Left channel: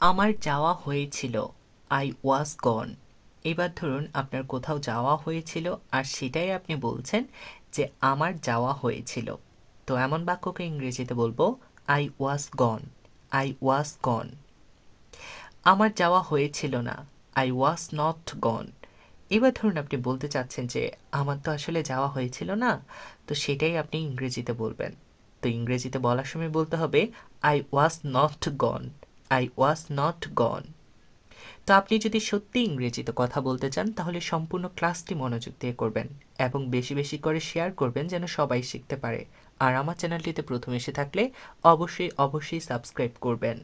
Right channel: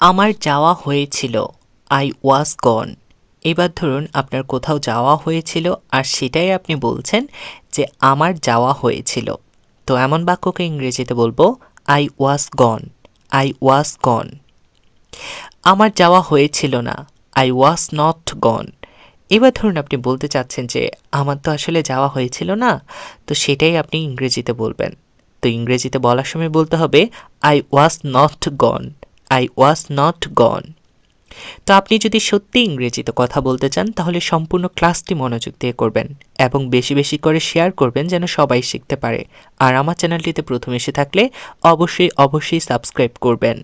আমার যাওয়া হয়েছিল, আই ওয়াজ গন। এবার ধরুন আপনার কোথাও যাওয়া হয়েছিল আর সেটাই আপনি বলছেন যে আমার যাওয়া হয়েছিল। তো এমন বাক্যকে ইংরেজিতে বলবো আই ওয়াজ গন, আই ওয়াজ গন। আমার যাওয়া হয়েছিল না, আই ওয়াজ নট গন। এবার ধরুন আপনি বলতে চাচ্ছেন যে আমার তো আসলে যাওয়া হয়েছিল না, তো সেটাই আপনি ইংরেজিতে বলবেন। তো ইংরেজিতে বলার সময় বলতে হবে I was not gone, I was not গন। তো আপনি যদি সত্যি ইংরেজিতে কথা বলতে চান তাহলে সম্পূর্ণ ক্লাসটি মনোযোগ দিয়ে করবেন এবং বেশি বেশি করে শেয়ার করবেন যেন সবাই শিখতে পারে। আর আমার চ্যানেলটিতে প্রথম এসে থাকলে অবশ্যই সাবস্ক্রাইব করবেন।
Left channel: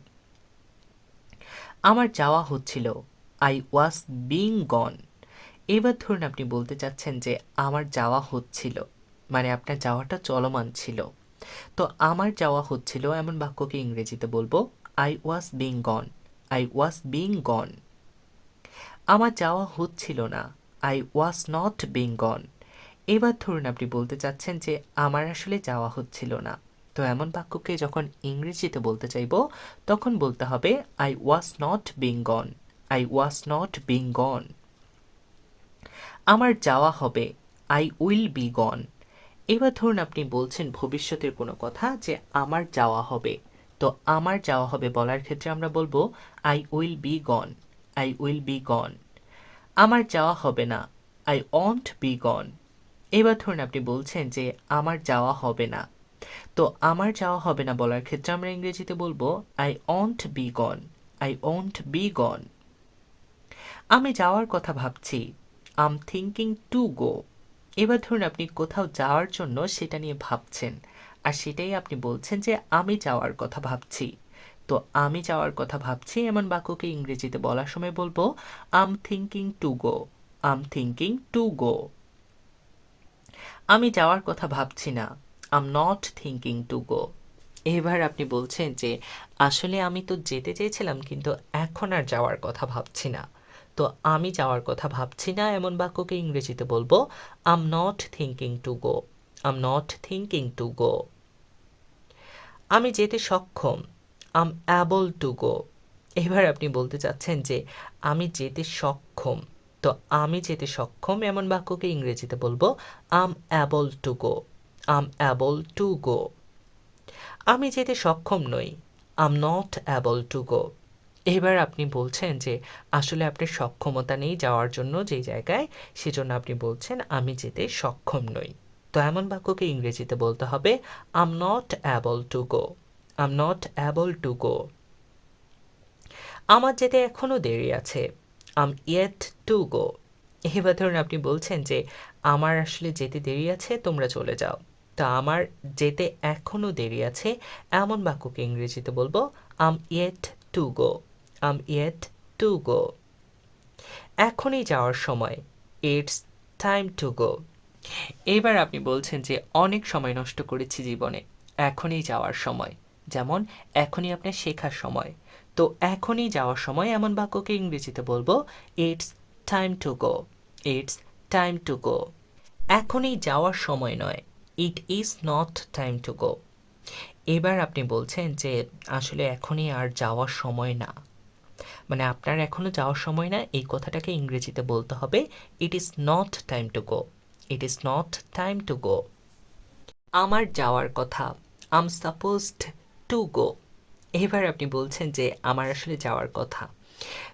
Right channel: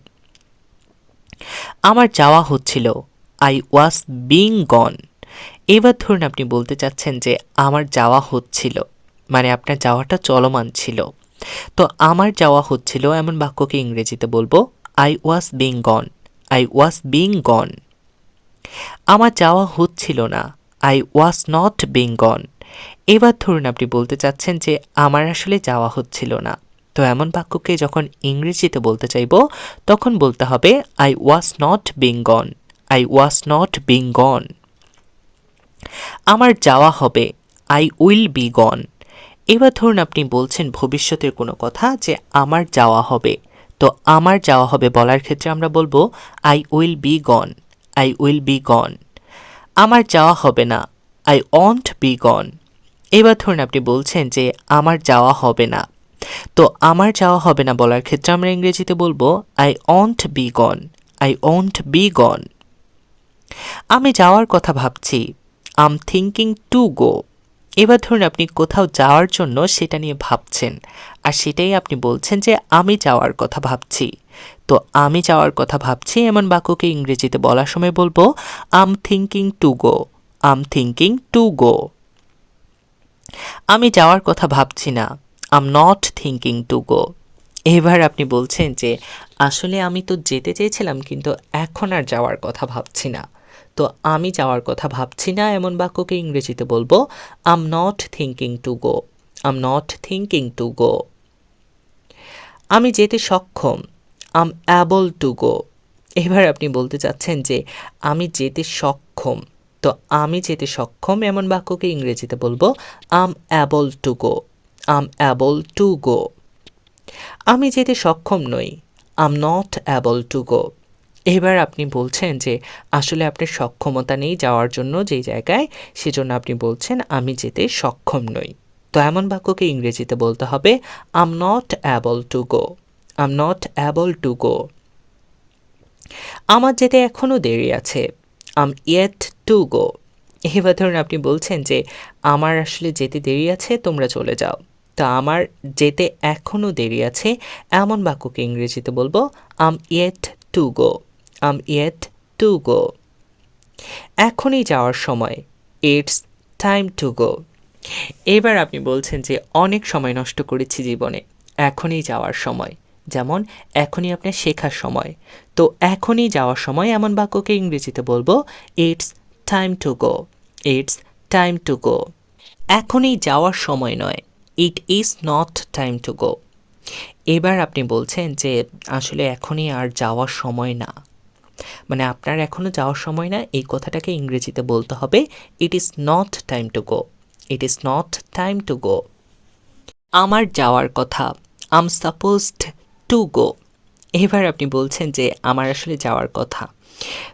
আমার যাওয়া হচ্ছিল, আই ওয়াজ বিং গন। এবার ধরুন আপনি বলতে চাচ্ছেন যে আমার যাওয়া হচ্ছিল, মানে আপনার যাওয়াটা চলমান ছিল। তো আমার যাওয়া হচ্ছিল এমন বাক্যকে ইংরেজিতে বলবো I was being gone, I was being gone. আমার যাওয়া হচ্ছিল না, I was not being gone. এবার ধরুন আপনি বলতে চাচ্ছেন যে আমার আসলে যাওয়া হচ্ছিল না। তো এমন বাক্যকে যখন ইংরেজিতে বলতে চাইব তখন বলতে হবে I was not being gone, I was not being gone. আমার যাওয়া হবে, আই উইল বি গন। এবার ধরুন আপনি বলছেন ভবিষ্যতের কোনো কথা যে আমার যাওয়া হবে। তো আমার যাওয়া হবে বলার ক্ষেত্রে আমরা বলবো I will be gone, I will be gone. আমার যাওয়া হবে না, আই ওয়ন্ট বি গন। এবার ধরুন আপনি বলছেন যে আমার যাওয়া হবে না। তো আমার যাওয়া হবে না বলার ক্ষেত্রে আমরা ইংরেজিতে বলবো I won't be gone, I won't be gone. আমি যাওয়ার কথা ভাবছি, আম থিঙ্কিং টু গো। এবার ধরুন আপনি কোথাও যাওয়ার জন্য সেটা নিয়ে ভাবছেন আর সেটাই আপনি বলছেন যে আমি যাওয়ার কথা ভাবছি। তো আমি যাওয়ার কথা ভাবছি এমন বাক্যকে ইংরেজিতে বলার সময় বলবো I'm thinking to go, I'm thinking to go. আমি যাওয়ার কথা ভাবছি না, I'm not thinking to go. এবার আপনি বলছেন যে আসলে আমি তো যেতে চেয়েছিলাম কিন্তু এখন আর যাওয়ার কথা ভাবছি না। তো আমি যাওয়ার কথা ভাবছি না এমন বাক্যকে ইংরেজিতে বলবো I'm not thinking to go, I'm not thinking to go. আমি যেতে সক্ষম, আম অ্যাবল টু গো। এবার আপনি বলতে চাচ্ছেন যে আমি যেতে সক্ষম। তো আমি যেতে সক্ষম এমন বাক্যকে ইংরেজিতে বলবো I'm able to go, I'm able to go. আমি যেতে সক্ষম নই, I'm not able to go. এবার আপনি বলছেন যে আসলে আপনার সক্ষমতা নেই যাওয়ার জন্য যেই জায়গায়, সেজন্য আপনি বলছেন আমি যেতে সক্ষম নই। তো এমন বাক্যকে ইংরেজিতে বলতে হবে I'm not able to go, I'm not able to go. আমার যেতে এখনও দেরি আছে, আম ইয়েট টু গো। এবার ধরুন আপনি বলছেন যে আমার আসলে যেতে দেরি আছে, তোমরা চলে যাও। তা আমার যেতে এখনও দেরি আছে এমন বাক্যকে ইংরেজিতে বলবো I'm yet to go, I'm yet to go. এখনই যাওয়ার সময়, ইটস টাইম টু গো। এবার আপনি বলছেন যে অনেক সময় নষ্ট করেছি জীবনে, এখনই যাওয়ার সময়। যেমন এখনই আপনার শেখার সময়। তো এখনই যাওয়ার সময় এমন বাক্যকে ইংরেজিতে বলবো it's time to go, it's time to go. এখনই যাওয়ার সময় নয়, it is not time to go. এবার আপনি বলছেন যে আসলে এখনই আর যাওয়ার সময় না, মানে আপনার এখনও যাওয়ার সময় না, এই কথাটাকে ইংরেজিতে বলতে হবে it is not time to go, it is not time to go. আমার যাওয়ার কথা, আম সাপোজড টু গো। এবার আপনি বলছেন যে আমার আসলে যাওয়ার কথা,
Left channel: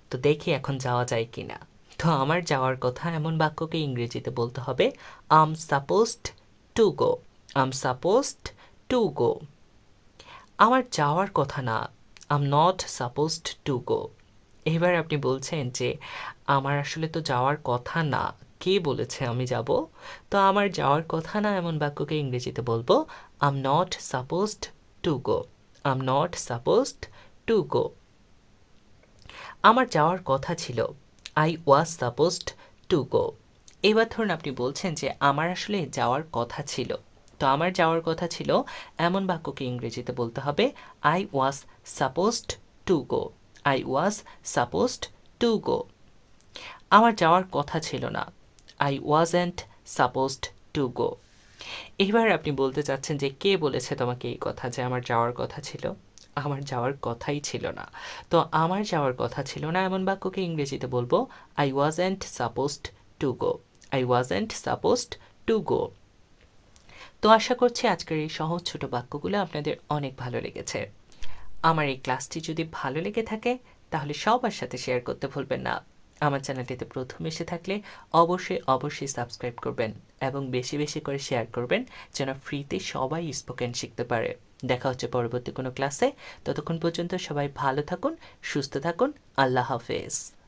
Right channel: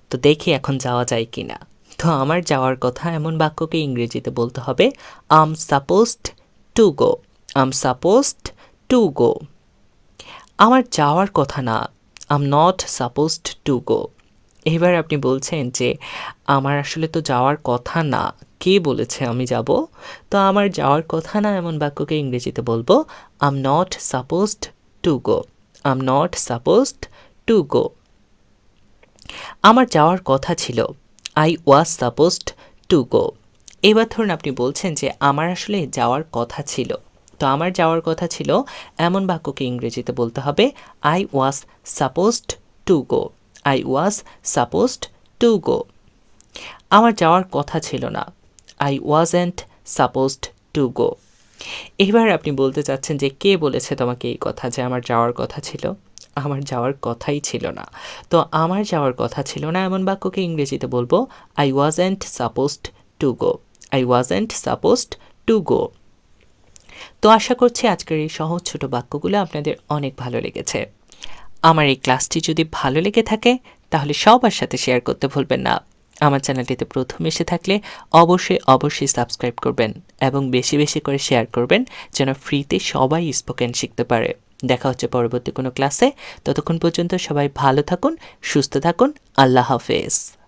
তো দেখি এখন যাওয়া যায় কি না। তো আমার যাওয়ার কথা এমন বাক্যকে ইংরেজিতে বলতে হবে I'm supposed to go, I'm supposed to go. আমার যাওয়ার কথা না, I'm not supposed to go. এবার আপনি বলছেন যে আমার আসলে তো যাওয়ার কথা না, কে বলেছে আমি যাব। তো আমার যাওয়ার কথা না এমন বাক্যকে ইংরেজিতে বলবো I'm not supposed to go, I'm not supposed to go. আমার যাওয়ার কথা ছিল, I was supposed to go. এবার ধরুন আপনি বলছেন যে আমার আসলে যাওয়ার কথা ছিল। তো আমার যাওয়ার কথা ছিল এমন বাক্যকে ইংরেজিতে বলতে হবে I was supposed to go, I was supposed to go. আমার যাওয়ার কথা ছিল না, I wasn't supposed to go. এবার আপনি বলতে চাচ্ছেন যে কে বলেছে তোমাকে এই কথা যে আমার যাওয়ার কথা ছিল। আমার যাওয়ার কথাই ছিল না। তো আমার যাওয়ার কথা ছিল না এমন বাক্যকে ইংরেজিতে বলবো I wasn't supposed to go. I wasn't supposed to গো। তো আশা করছি আজকের এই সহজ ছোট বাক্যগুলো আপনাদের অনেক ভালো লেগেছে। আমার এই ক্লাসটি যদি ভালো লেগে থাকে তাহলে সবার সাথে শেয়ার করতে ভুলবেন না। আমার চ্যানেলটিতে প্রথম এসে থাকলে অবশ্যই সাবস্ক্রাইব করবেন এবং বেশি বেশি করে শেয়ার করবেন যেন ফ্রিতে সবাই স্পোকেন শিখতে পারে। দেখা হচ্ছে পরবর্তী কোনো ক্লাসে। ততক্ষণ পর্যন্ত সবাই ভালো থাকুন, সুস্থ থাকুন। আল্লাহ হাফেজ।